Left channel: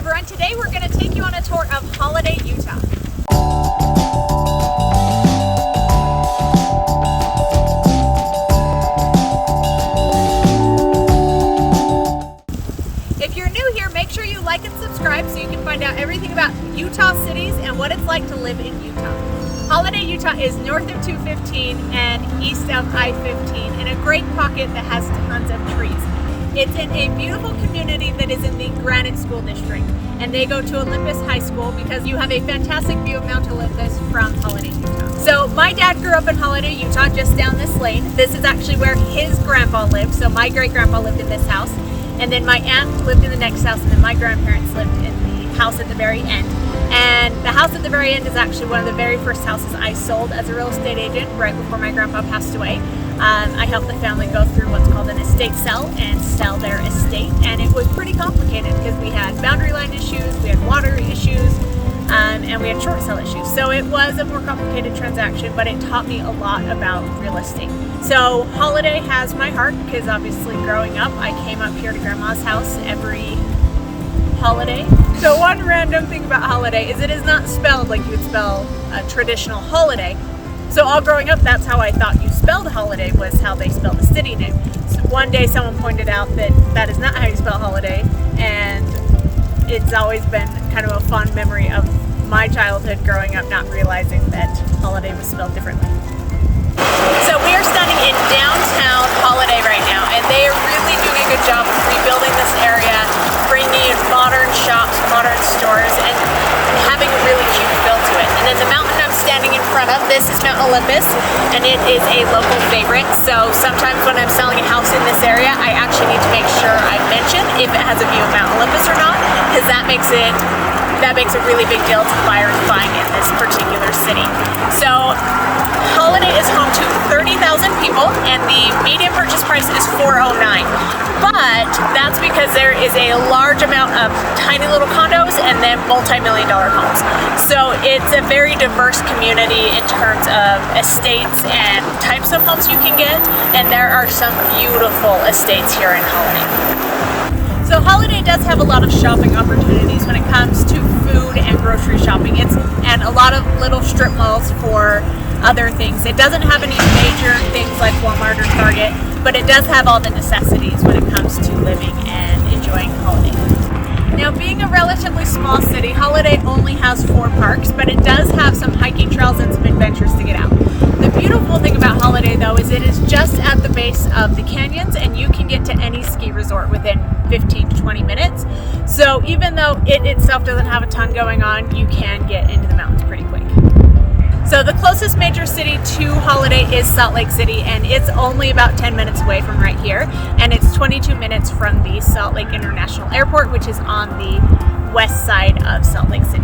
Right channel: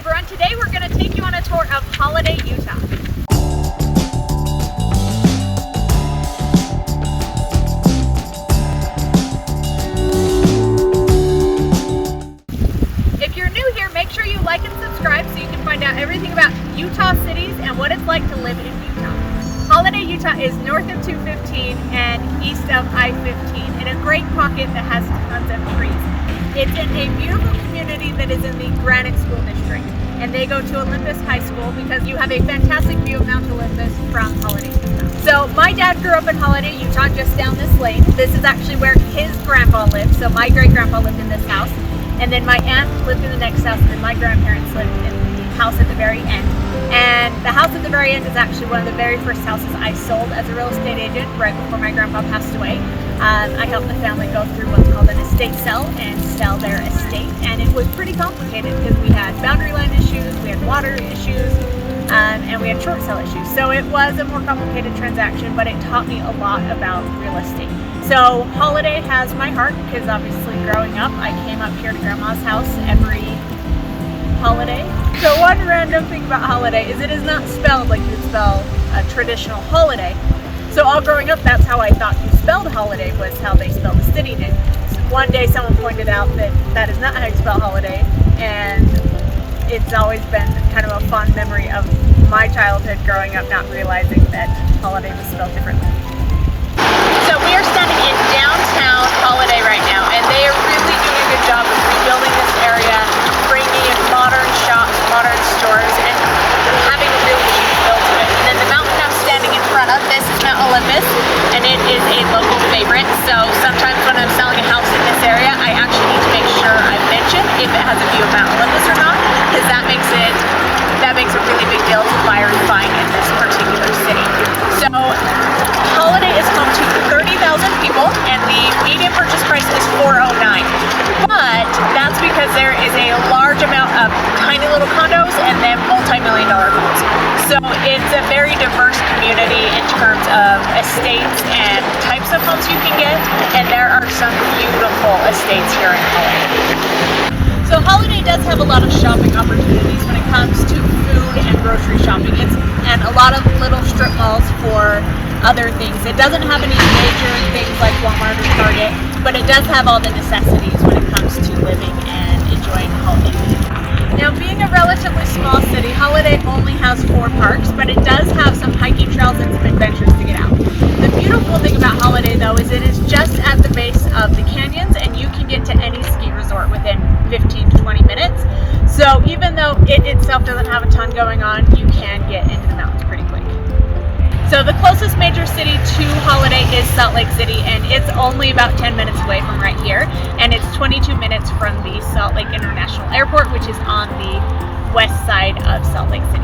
everyone, today we're going to take you on a tour of Holladay, Utah. If you're new here, make sure you like and subscribe so you can find out everything about Utah cities and what it's like to live in Utah. Holladay, Utah is north of 215 and east of I-15 in a great pocket that has tons of trees. It's in a beautiful community that is in the Granite School District, and they go to Olympus High School because you have a fantastic view of Mount Olympus from Holladay, Utah. So my dad grew up in Holladay, Utah, just down this lane. This is actually where his grandpa lived, so my great-grandpa lived in this house, and then my aunt lived in the next house, and then my grandparents lived in the house at the very end. And the house at the very end is actually one of the very first houses I sold as a real estate agent right before my grandpa passed away. I helped the family go through what's called an estate sell and sell their estate, and it was pretty complicated because we had boundary line issues, we had water issues, and we had short sale issues. So it was a more complicated transaction, but it taught me a lot about real estate. So Holladay has my heart because obviously growing up I came up here to Grandma's house every holiday. So one random thing about Holladay is it is not spelled like you would spell a traditional holiday. So all growing up, that's how I thought you spelled Holladay, was how they spelled the city name. So one day someone pointed out that that is not how you spell Holladay, and it's always been kind of a fond memory of my childhood growing up not realizing that Holladay was spelled differently. So we are standing in downtown Holladay right now, and they are really doing a good job of rebuilding this area, bringing in modern shops, modern stores, and having a really cute feel to it. And then the mountain I'm standing in front of, this is Mount Olympus, and it is a local favorite. So sometimes when I'm selling a house in this area, I actually need to make sure I mention if it has a view of Mount Olympus or not, because that makes a really big deal to buyers buying in this particular city. So Holladay is home to 30,000 people, and the median purchase price is $409. But that's because there is a large amount of tiny little condos and then multi-million-dollar homes. So it's a very diverse community in terms of estates and types of homes you can get, and there are some beautiful estates here in Holladay. So Holladay does have a lot of shopping opportunities when it comes to food and grocery shopping. And a lot of little strip malls for other things. It doesn't have any major things like Walmart or Target, but it does have all the necessities when it comes to living and enjoying Holladay. Now, being a relatively small city, Holladay only has 4 parks, but it does have some hiking trails and some adventures to get out. The beautiful thing about Holladay, though, is it is just at the base of the canyons, and you can get to any ski resort within 15 to 20 minutes. So even though it itself doesn't have a ton going on, you can get into the mountains pretty quick. So the closest major city to Holladay is Salt Lake City, and it's only about 10 minutes away from right here, and it's 22 minutes from the Salt Lake International Airport, which is on the west side of Salt Lake City.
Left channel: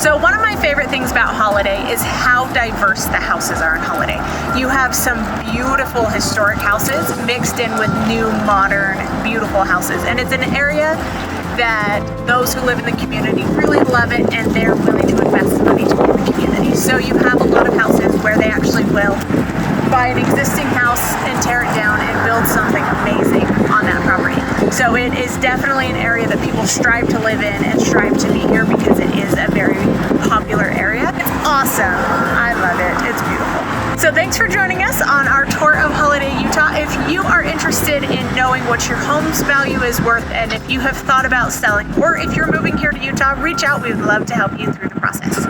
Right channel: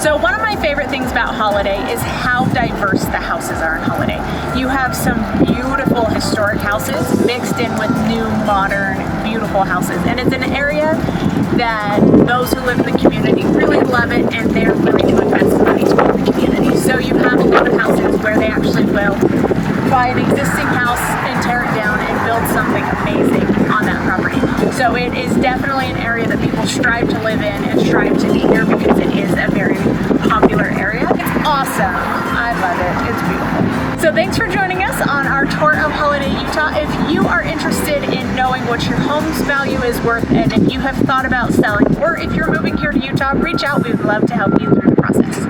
So one of my favorite things about Holladay is how diverse the houses are in Holladay. You have some beautiful historic houses mixed in with new, modern, beautiful houses, and it's an area that those who live in the community really love it, and they're willing to invest money to build the community. So you have a lot of houses where they actually will buy an existing house and tear it down and build something amazing on that property. So it is definitely an area that people strive to live in and strive to be here because it is a very popular area. It's awesome. I love it. It's beautiful. So thanks for joining us on our tour of Holladay, Utah. If you are interested in knowing what your home's value is worth, and if you have thought about selling, or if you're moving here to Utah, reach out. We would love to help you through the process.